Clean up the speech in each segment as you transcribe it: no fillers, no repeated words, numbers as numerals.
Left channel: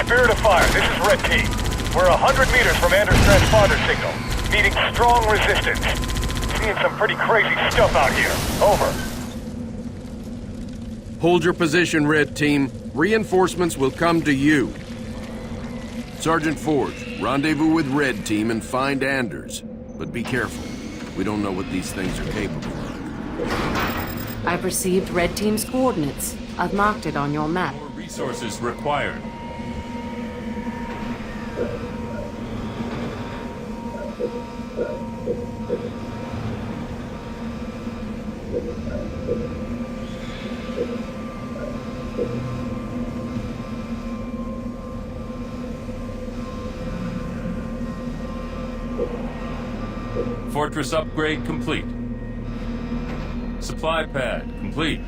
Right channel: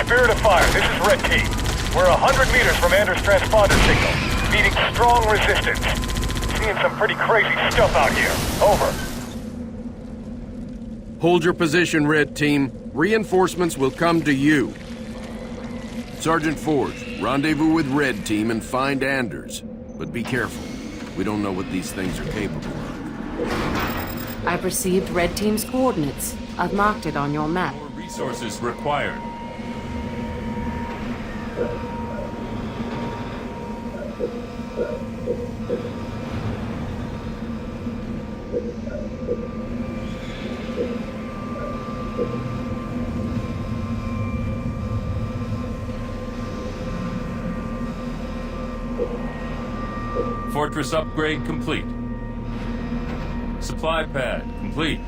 Spirit of Fire, this is Red Team. We're 100 meters from Anders' transponder signal, meeting strong resistance. Seeing some pretty crazy stuff out here. Over. Hold your position, Red Team. Reinforcements will come to you. Sergeant Forge, rendezvous with Red Team and find Anders. But be careful. We don't know what these things are capable of. I've received Red Team's coordinates. I've marked it on your map. More resources required. Fortress upgrade complete. Supply pad complete.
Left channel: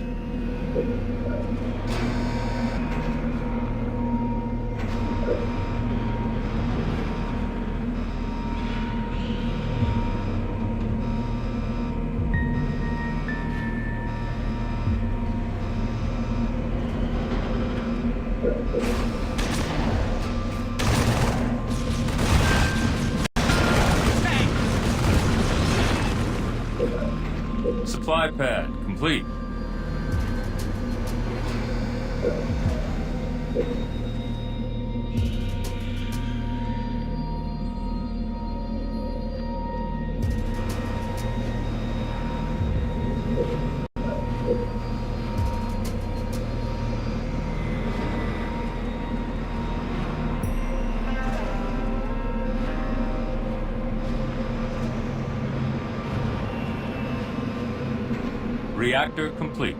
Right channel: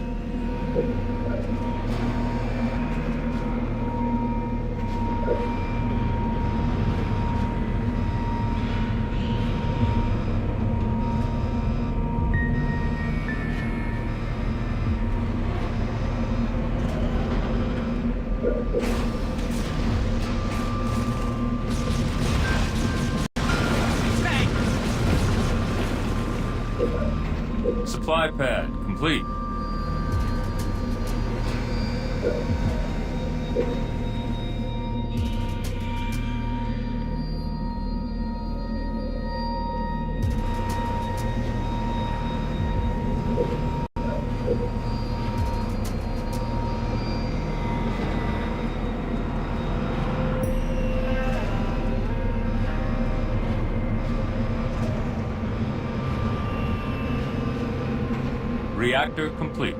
Supply pad complete. Reactor complete.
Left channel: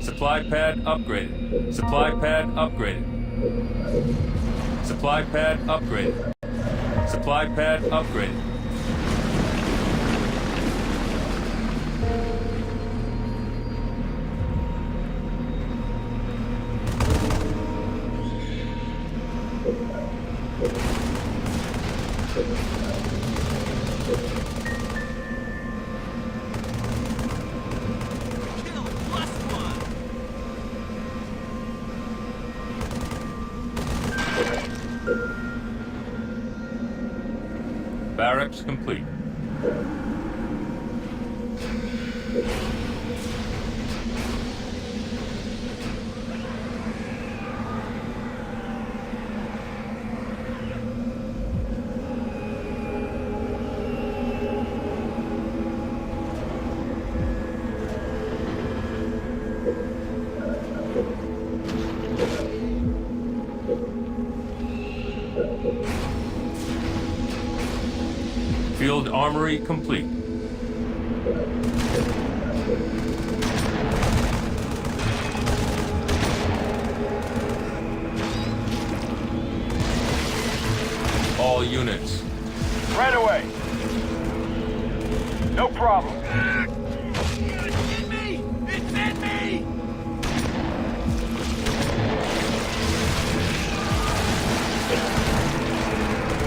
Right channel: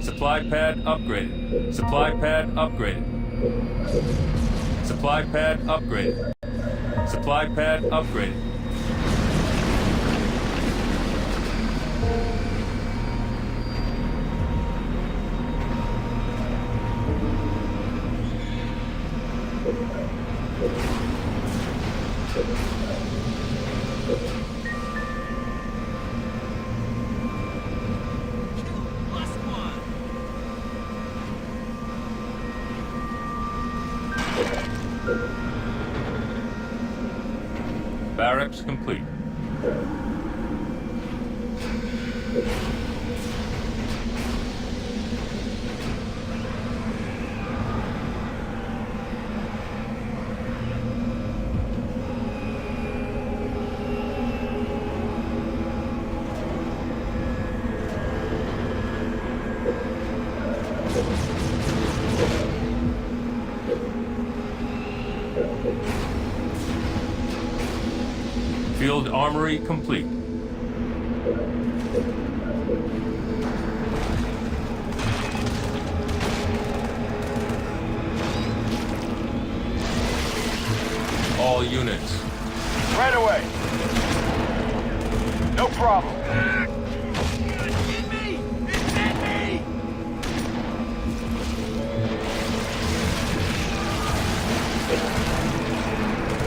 Supply pad upgraded. Supply pad upgraded. Supply pad upgraded. Supply pad upgraded. Barracks complete. Field armory complete. All units. Right away. No problem.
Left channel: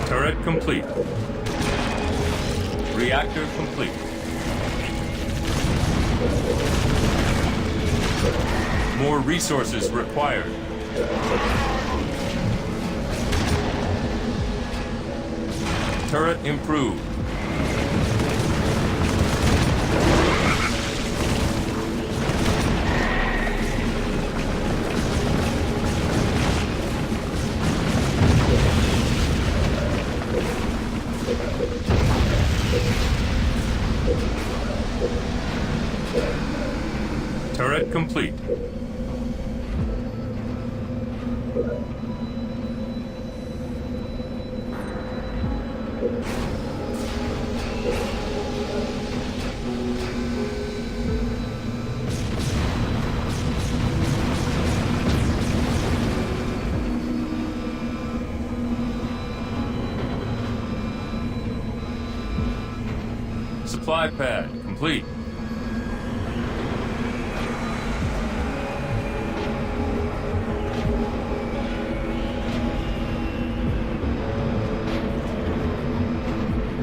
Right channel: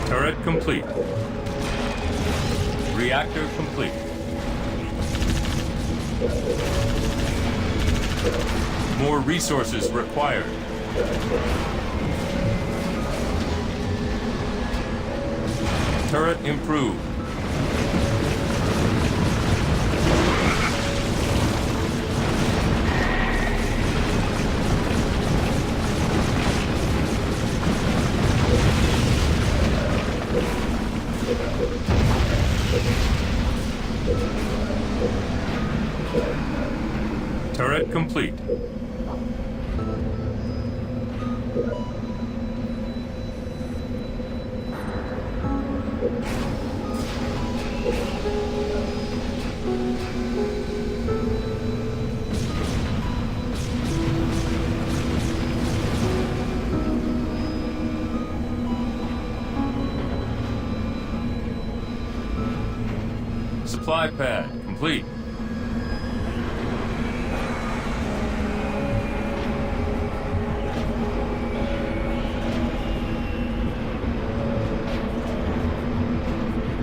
Turret complete. Reactor complete. More resources required. Turret improved. Turret complete. Supply pad complete.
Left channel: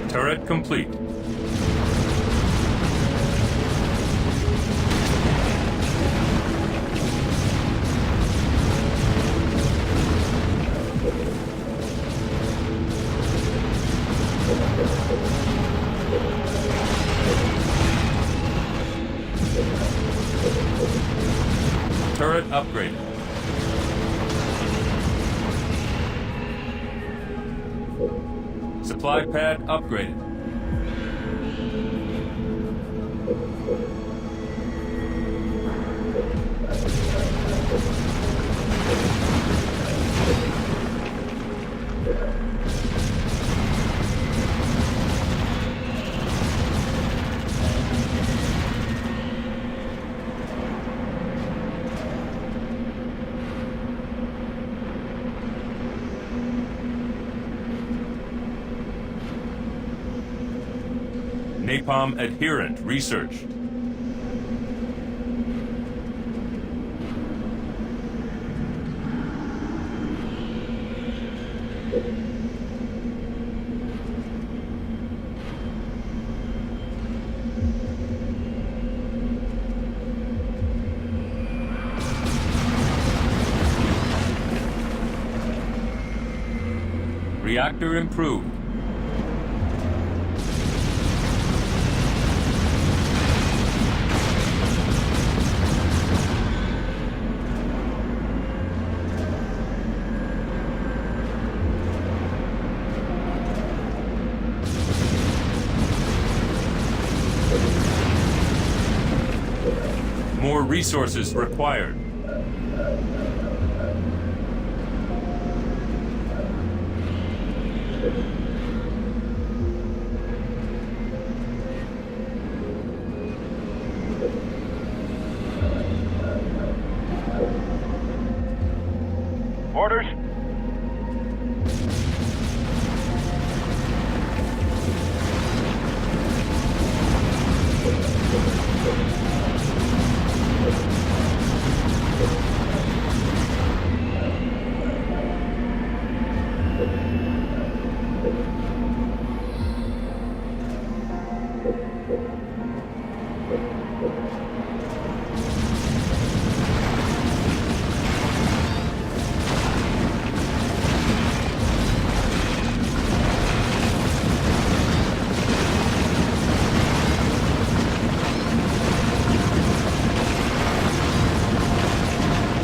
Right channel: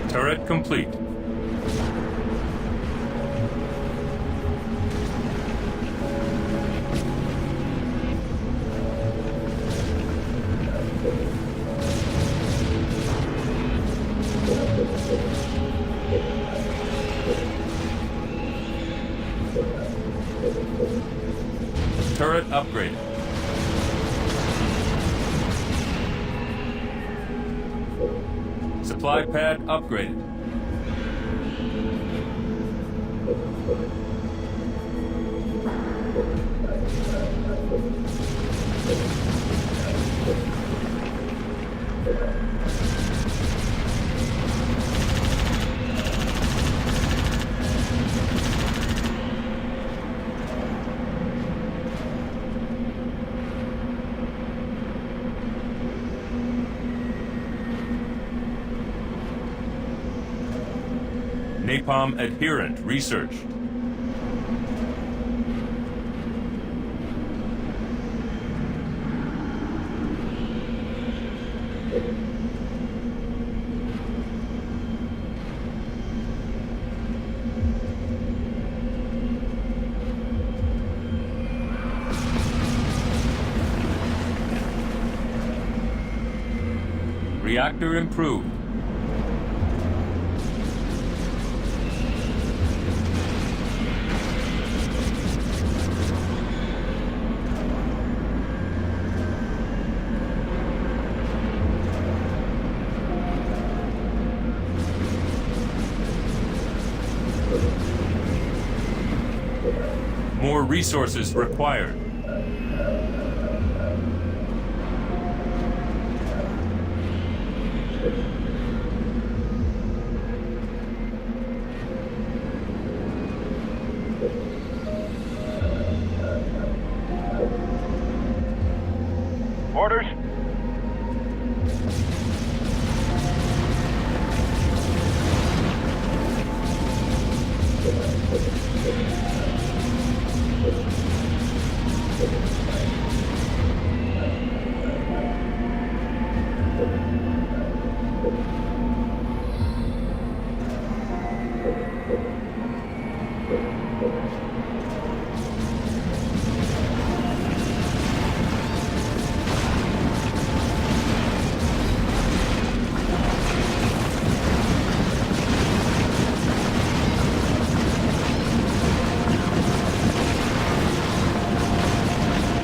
Turret complete. Turret upgraded. Supply pad upgraded. Napalm adherent researched. Reactor improved. More resources required. Orders?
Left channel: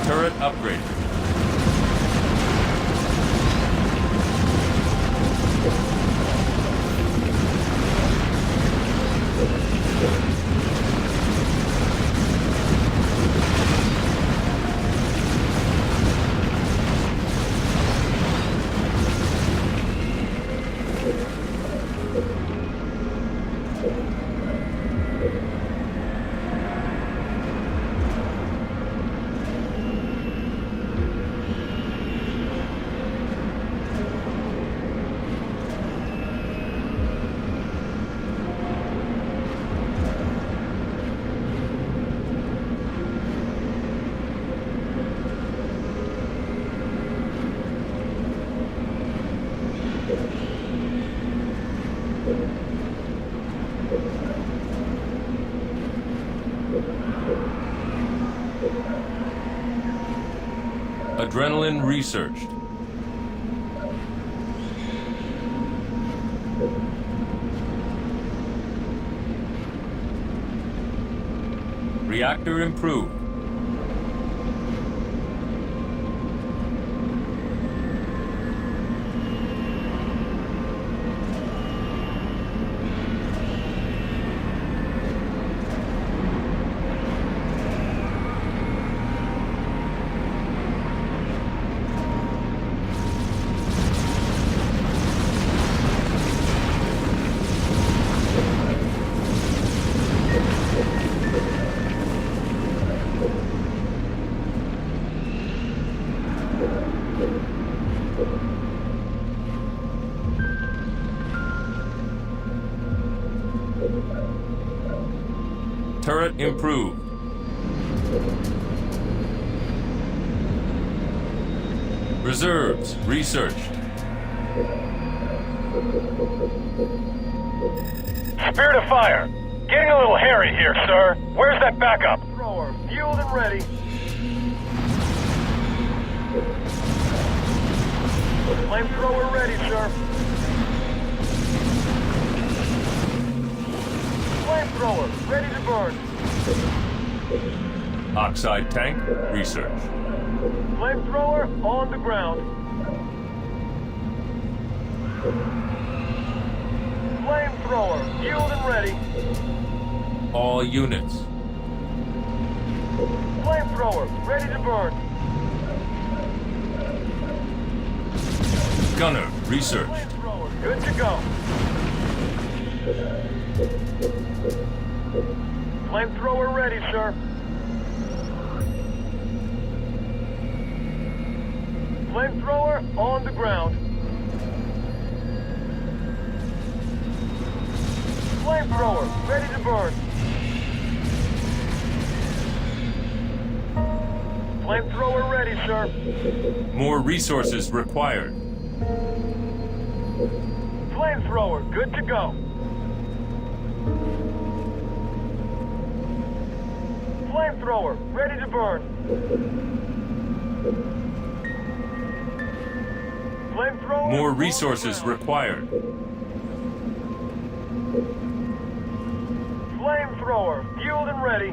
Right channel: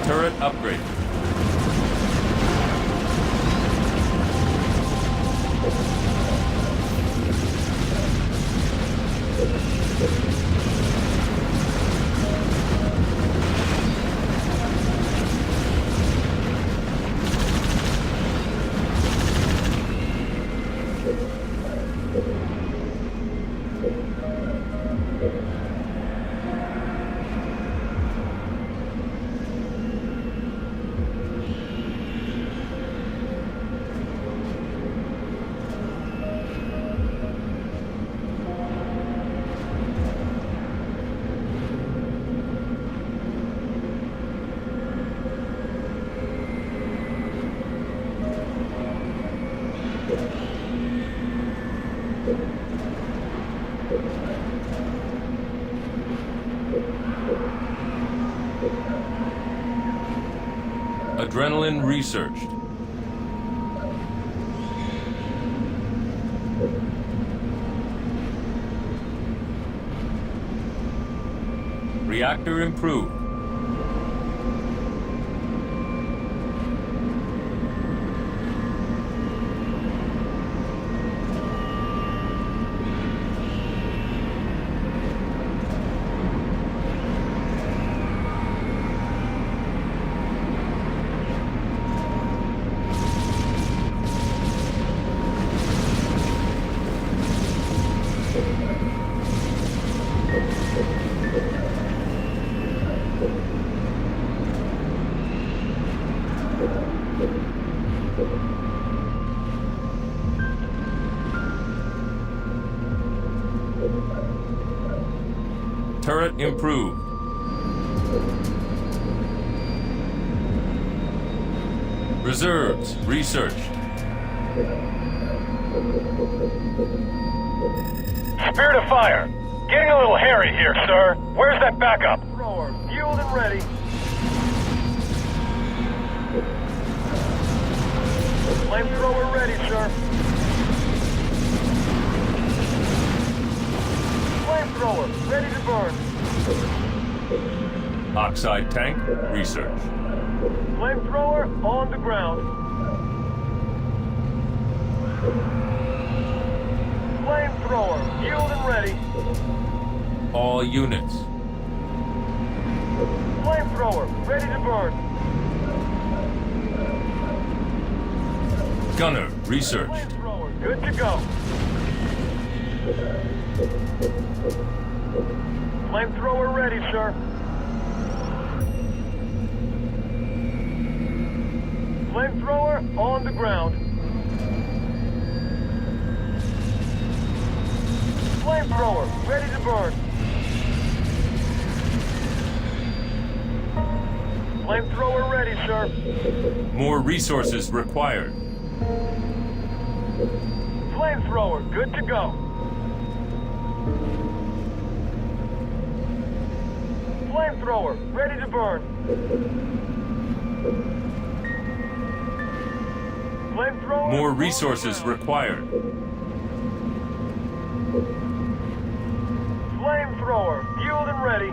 Turret upgraded. Adrenaline researched. Reactor improved. Turret improved. Reserves researched. Spirit of fire. Getting a little hairy here, sir. Where's that backup? Thrower, fueled and ready. Flamethrower ready, sir. Flamethrower, ready to burn. Oxide tank researched. Flamethrower on the ground. Flamethrower, fueled and ready. All units. Flamethrower, ready to burn. Gunner researched. Flamethrower, good to go. Flamethrower ready, sir. Flamethrower on the ground. Flamethrower, ready to burn. Flamethrower ready, sir. More resources required. Flamethrower, good to go. Flamethrower, ready to burn. Flamethrower. More resources required. Flamethrower, fueled and ready.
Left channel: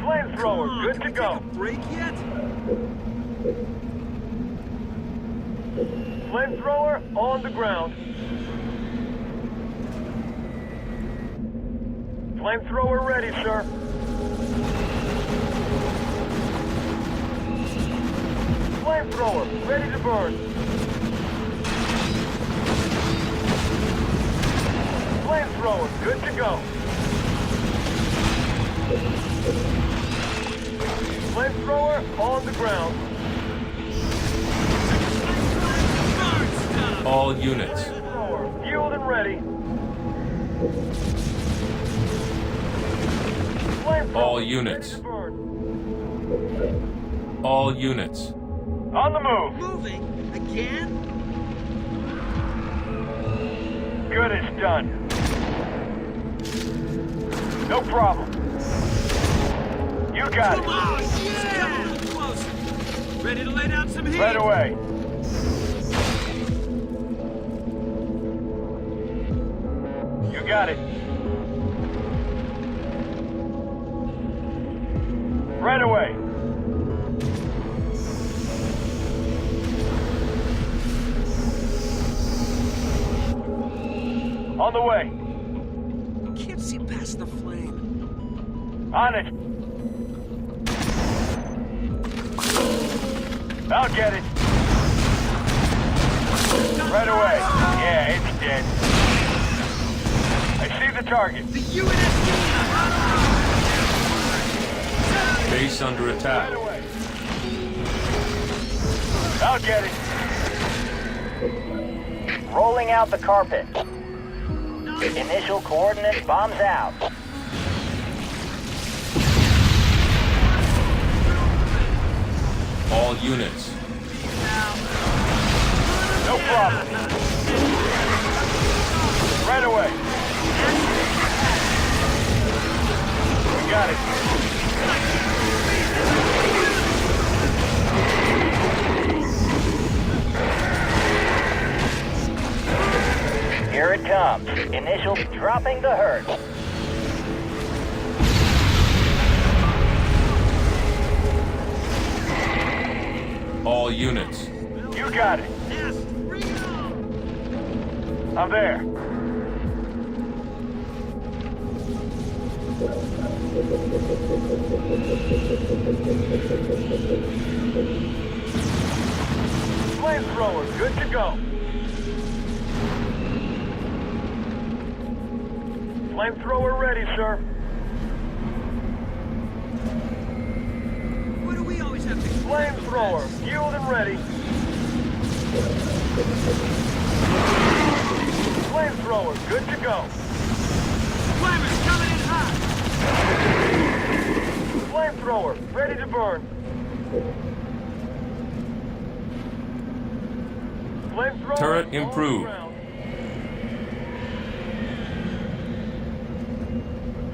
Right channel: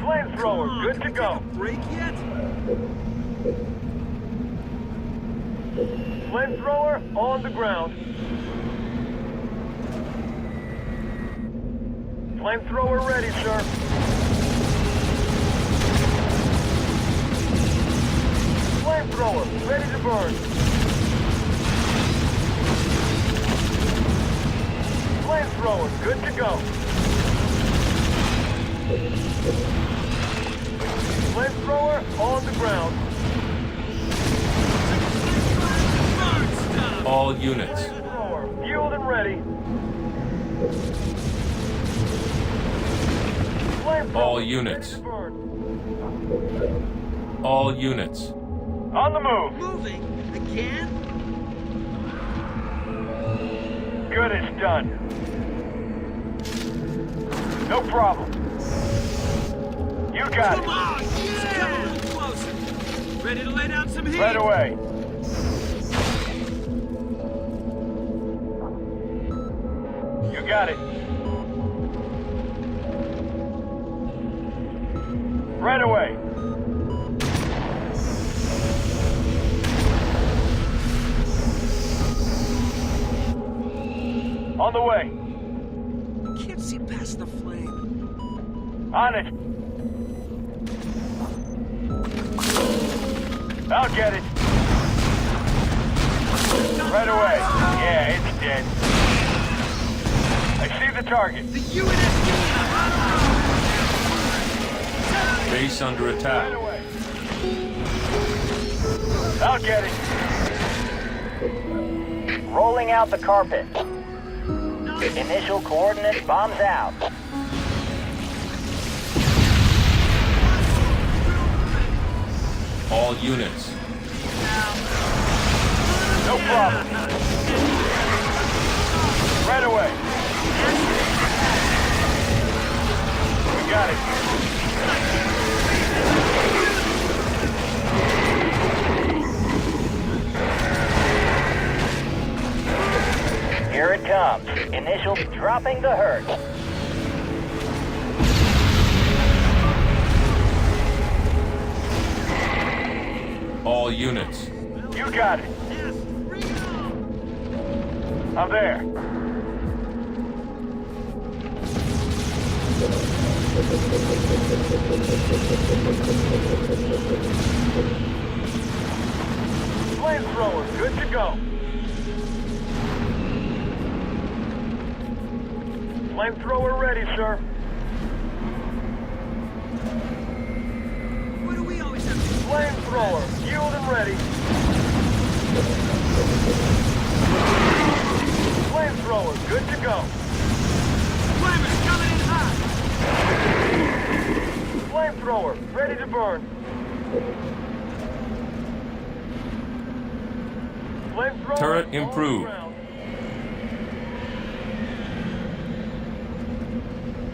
Flamethrower, good to go. Break yet? Flamethrower on the ground. Flamethrower ready, sir. Flamethrower, ready to burn. Flamethrower, good to go. Flamethrower on the ground. All units. Flamethrower, fueled and ready. Flamethrower, All ready units. to burn. All units. On the move. Moving? Again? Good as done. No problem. You got Come it. on! It's coming closer. Ready to lay down some heat? Right away. You got it. Right away. On the way. Can't see past the flame. On it. I'll get it. Right away. Yeah, it's dead. I see the target. The UNSC! Base under attack. Right away. I'll get it. Rolling out the carpet. Initial coordinates bombs out. All units. No problem. Right away. We got it. Here it comes. Initial dropping the hurt. All units. You got it. Nest, bring it on! I'm there. Flamethrower, good to go. Flamethrower ready, sir. What do we always have to do? Flamethrower, fueled and ready. Flamethrower, good to go. Flamers coming in hot. Flamethrower, ready to burn. Flamethrower Turret on the improved. ground.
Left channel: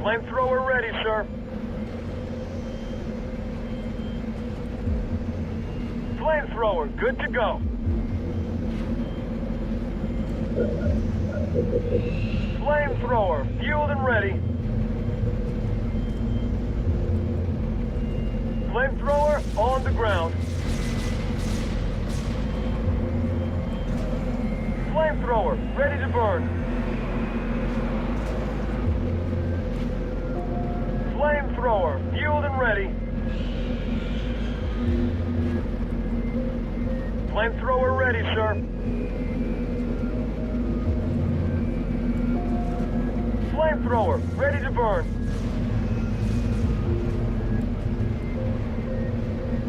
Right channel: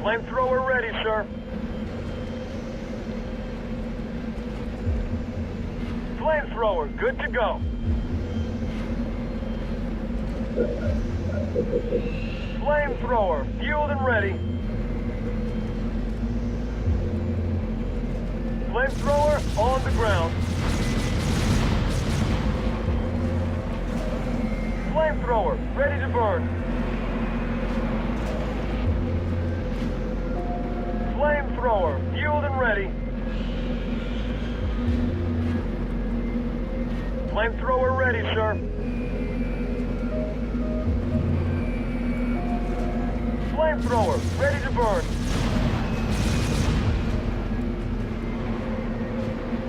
Flamethrower ready, sir. Flamethrower, good to go. Flamethrower, fueled and ready. Flamethrower on the ground. Flamethrower, ready to burn. Flamethrower, fueled and ready. Flamethrower ready, sir. Flamethrower, ready to burn.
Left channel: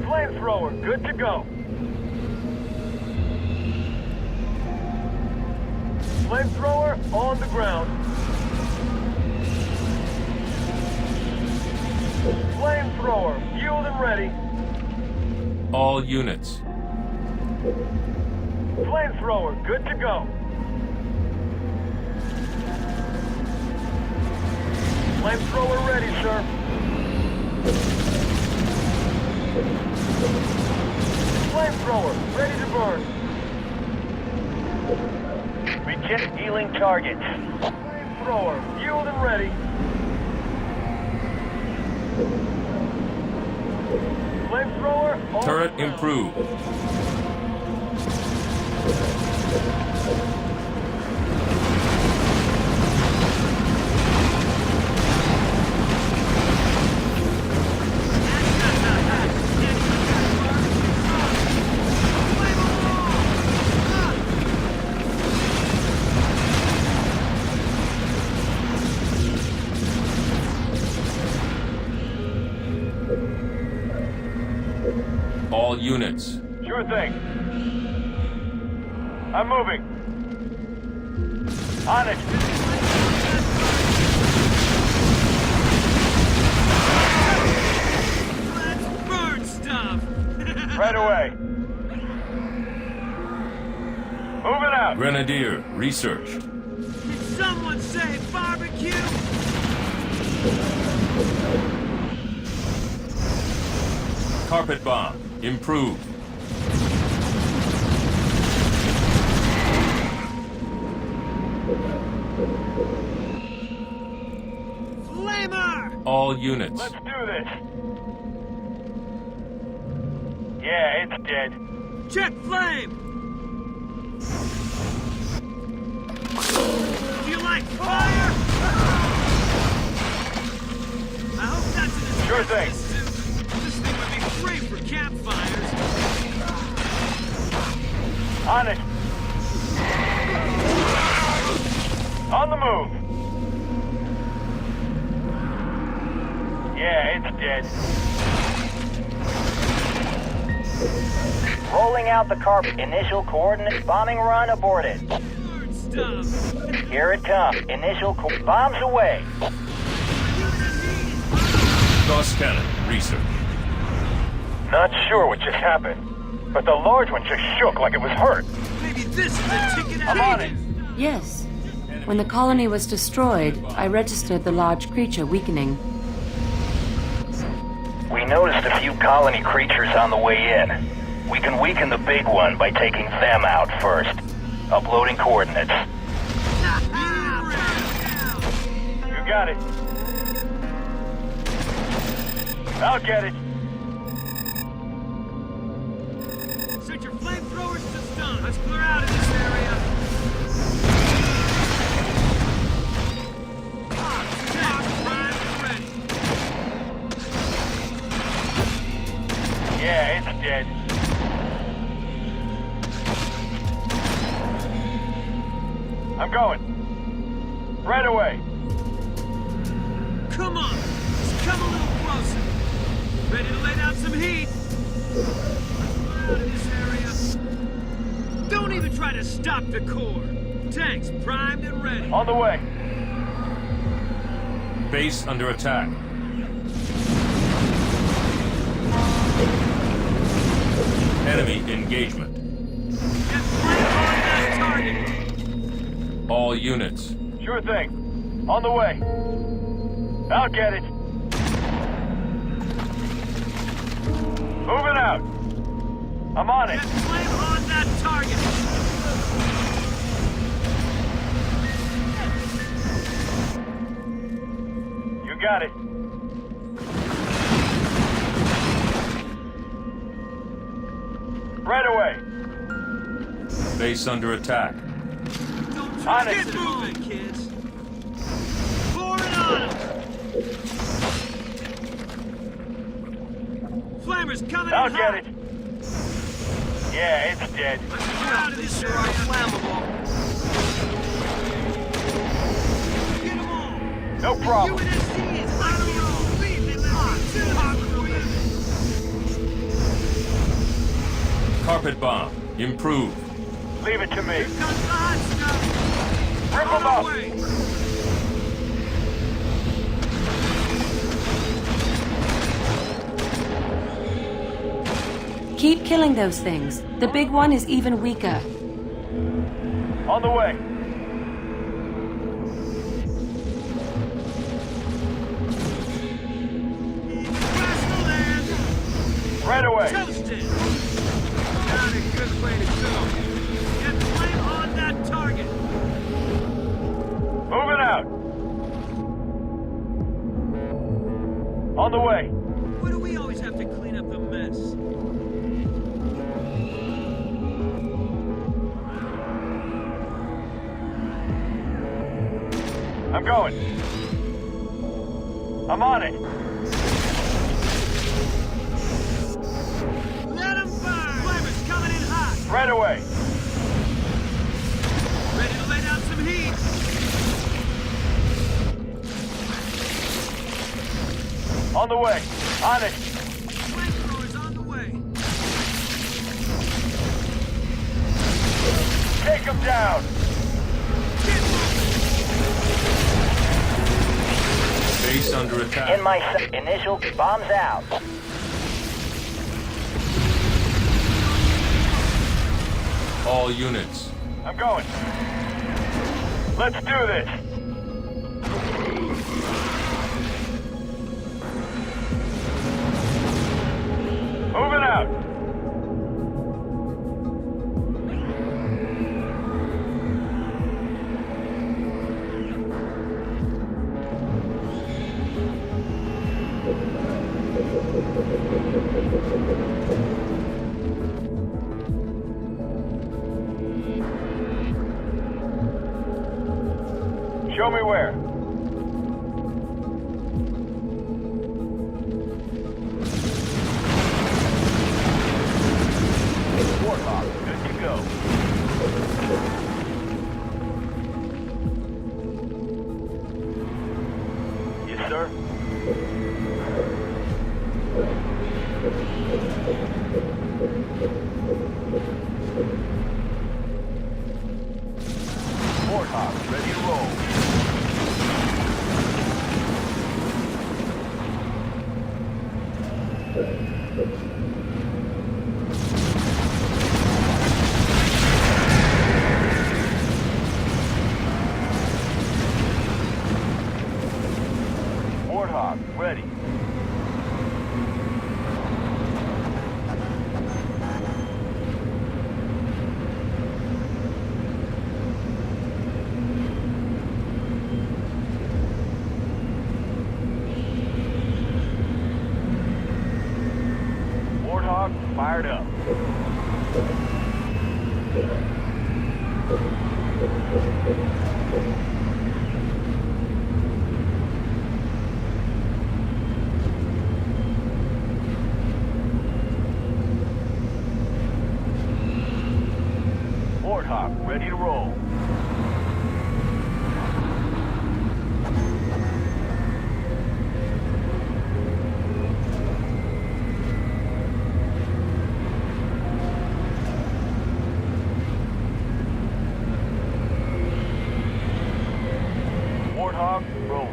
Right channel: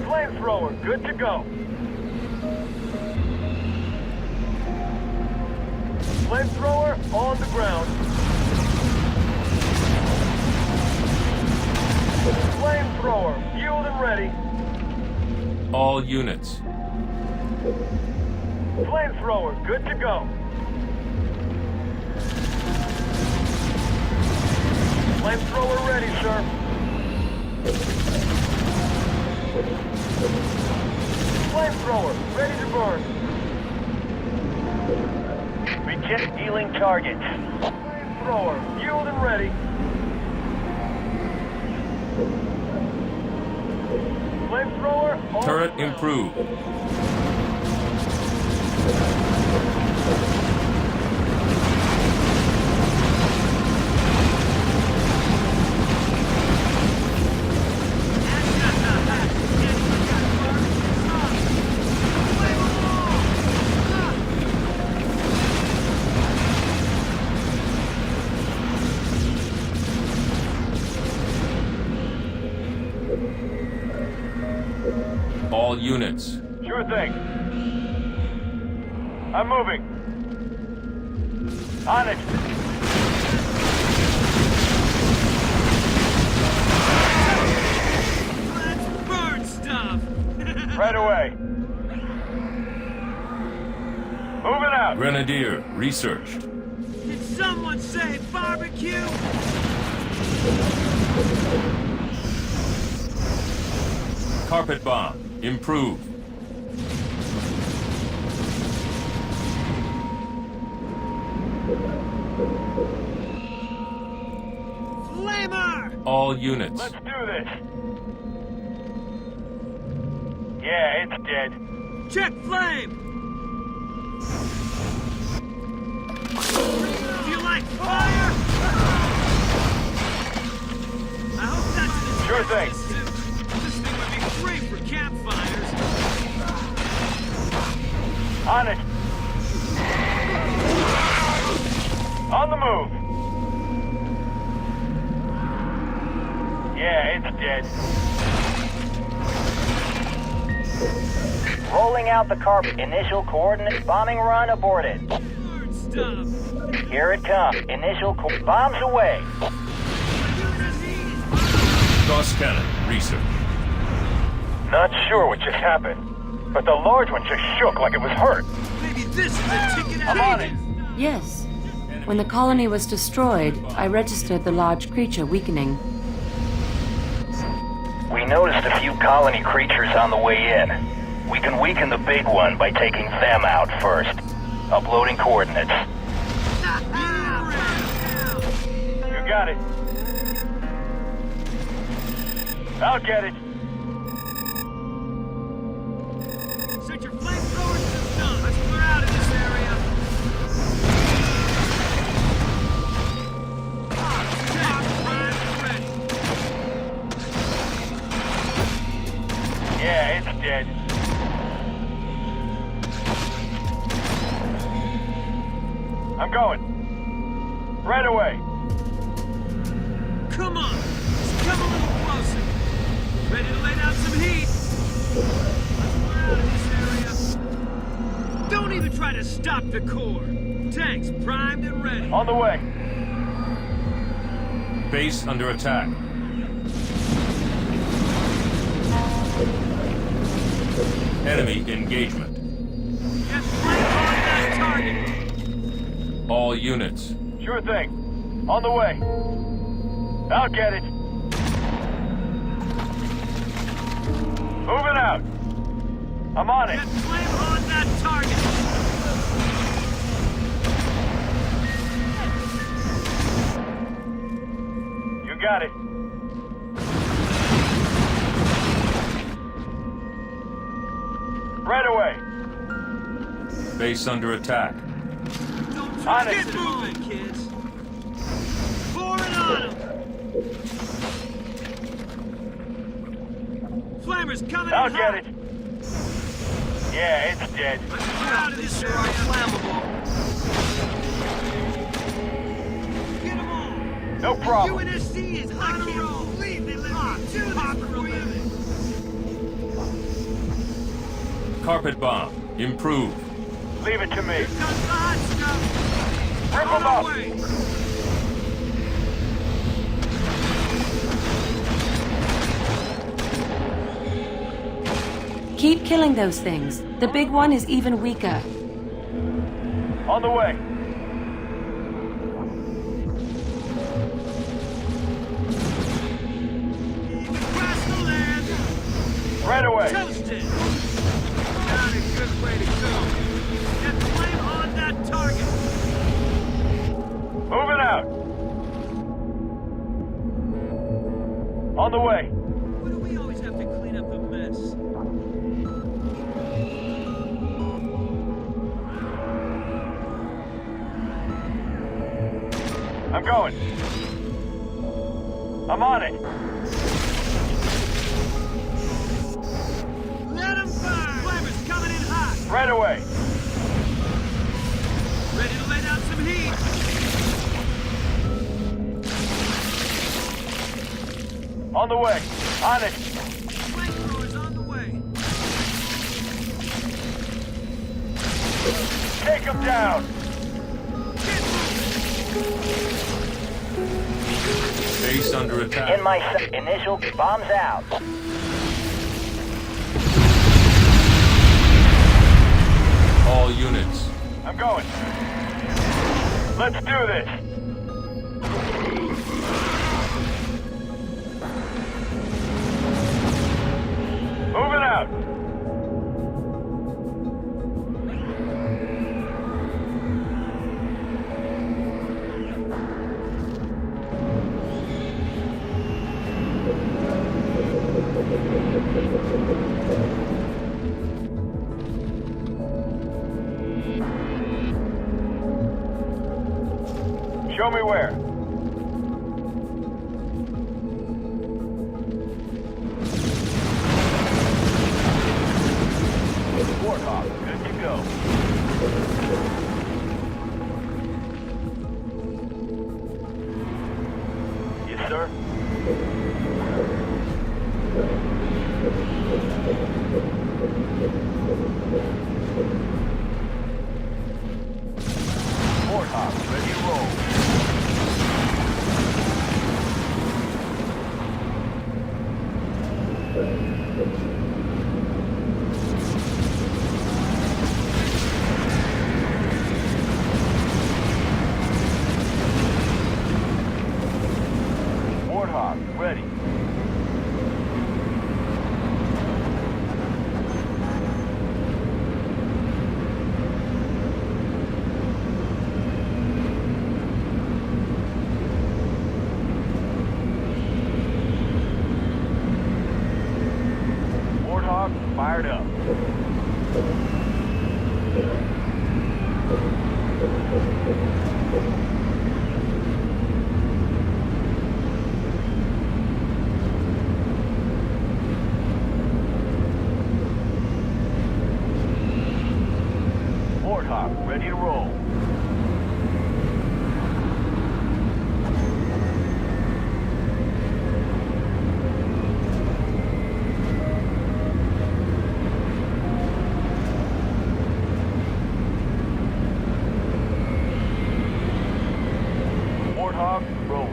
Flamethrower, good to go. Flamethrower on the ground. Flamethrower, fueled and ready. All units. Flamethrower, good to go. Flamethrower ready, sir. Flamethrower, ready to burn. Reject healing targets. Flamethrower, fueled and ready. Flamethrower on Turret the ground. improved. All units. Sure thing. I'm moving. On it. Let's burn stuff. Right away. Moving out. Grenadier, research. Did someone say barbecue? Carpet bomb, improved. Flamer! All units. Let's do this. Yeah, it's dead. Check flame! You like fire? I hope that's Sure thing. This thing would be great for campfires. On it. On the move. Yeah, it's dead. Rolling out the carpet. Initial coordinates. Bombing run aborted. Burn stuff. Here it comes. Bombs away. Gauss cannon, research. Not sure what just happened, but the large one just shook like it was hurt. Maybe this is a ticket I'm on it. Yes. When the colony was destroyed, I registered the large creature weakening. We noticed a few colony creatures on the way in. We can weaken the big one by taking them out first. Uploading coordinates. You got it. I'll get it. Set your flamethrowers to the stun. Let's clear out of this area. Set, prime, ready. Yeah, it's dead. I'm going. Right away. Come on, just come a little closer. Ready to lay down some heat? Let's clear out of this area. Don't even try to stop the core. tanks primed and ready. On the way. Base under attack. Enemy engagement. Get flame on that target. All units. Sure thing. On the way. I'll get it. Moving out. I'm on it. Get flame on that target. You got it. Right away. Base under attack. Don't On it. Get moving, kids. Pouring on them. Flamers coming I'll in get hot. it. Yeah, it's dead. Let's get out of this area. Flammable. Get them all. No problem. UNSC is on the roll. Leave me hot. Carpet bomb. Improved. Leave it to me. Comes the hot stuff. Rip On them up. the way. Keep killing those things. The big one is even weaker. On the way. Across the land. Right away. Toasted. Not a good way to go. Get flame on that target. Moving out. On the way. Why do we always have to clean up the mess? I'm going. I'm on it. Let 'em burn. Flamers coming in hot. Right away. Ready to lay down some heat. On the way. On it. Flamethrowers on the way. Take him down. Base under attack. In my sight. Initial bombs out. All units. I'm going. Let's do this. Moving out. Show me where. Warthog, good to go. Yes, sir. Warthog, ready to roll. Warthog, ready. Warthog, fired up. Warthog, ready to roll. Warthog, roll.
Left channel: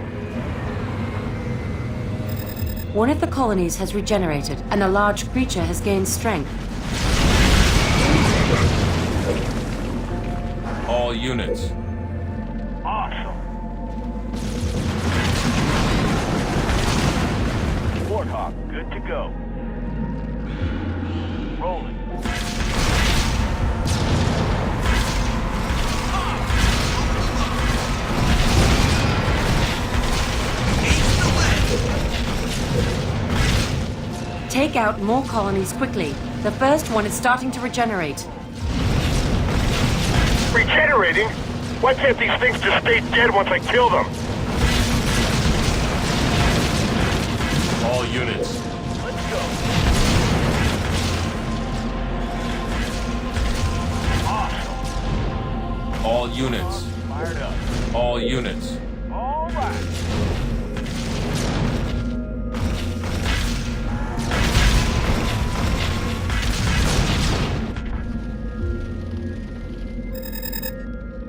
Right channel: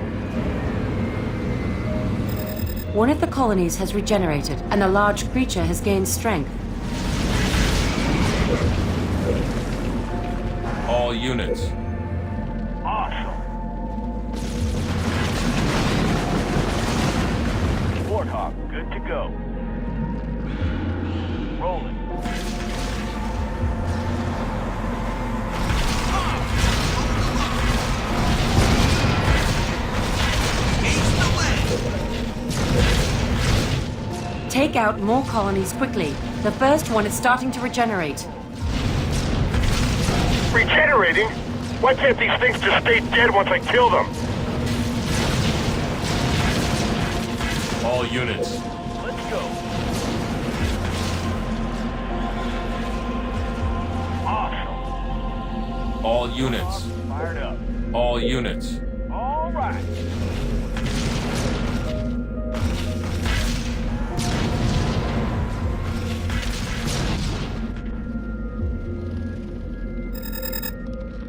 One of the colonies has regenerated, and a large creature has gained strength. All units. Awesome. Warthog, good to go. Rolling. Take out more colonies quickly. The first one is starting to regenerate. Regenerating? Why can't these things just stay dead once I kill them? All units. Let's go. Awesome. All units. Fired up. All units. All right.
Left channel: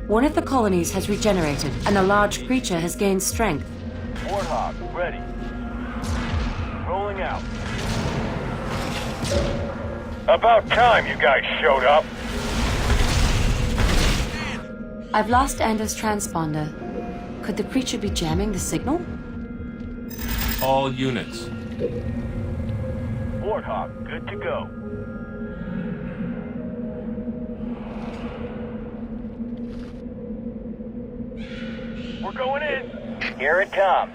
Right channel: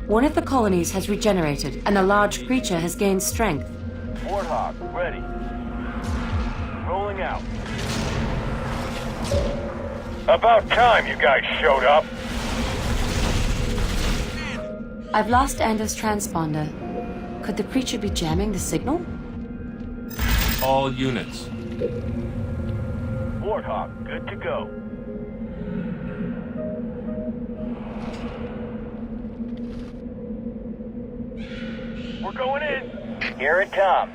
One of the colonies has regenerated, and a large creature has gained strength. Warthog, ready. Rolling out. About time you guys showed up. I've lost Anders' transponder. Could the creature be jamming the signal? All units. Warthog, good to go. We're going in. Here it comes.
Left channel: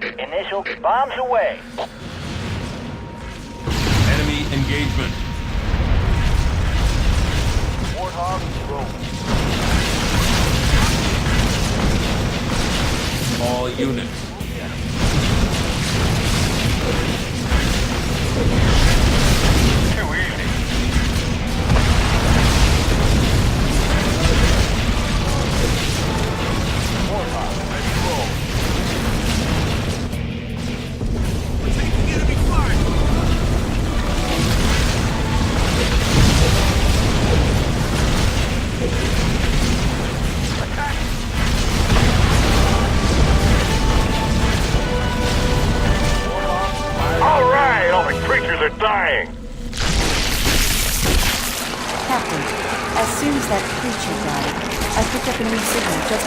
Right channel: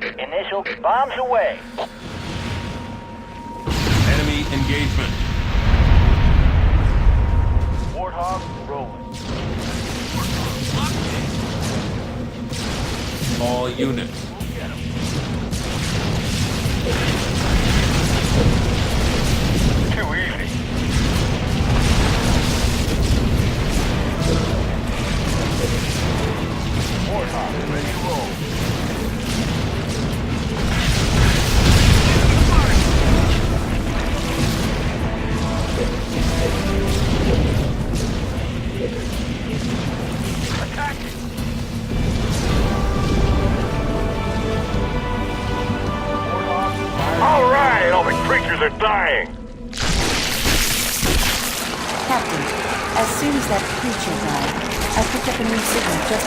Initial bombs away. Enemy engagement. Warthog, rolling. All units. Too easy. Warthog, ready to roll. Attack! All right, all the creatures are dying. Captain, as soon as that creature died, I picked up a new signal just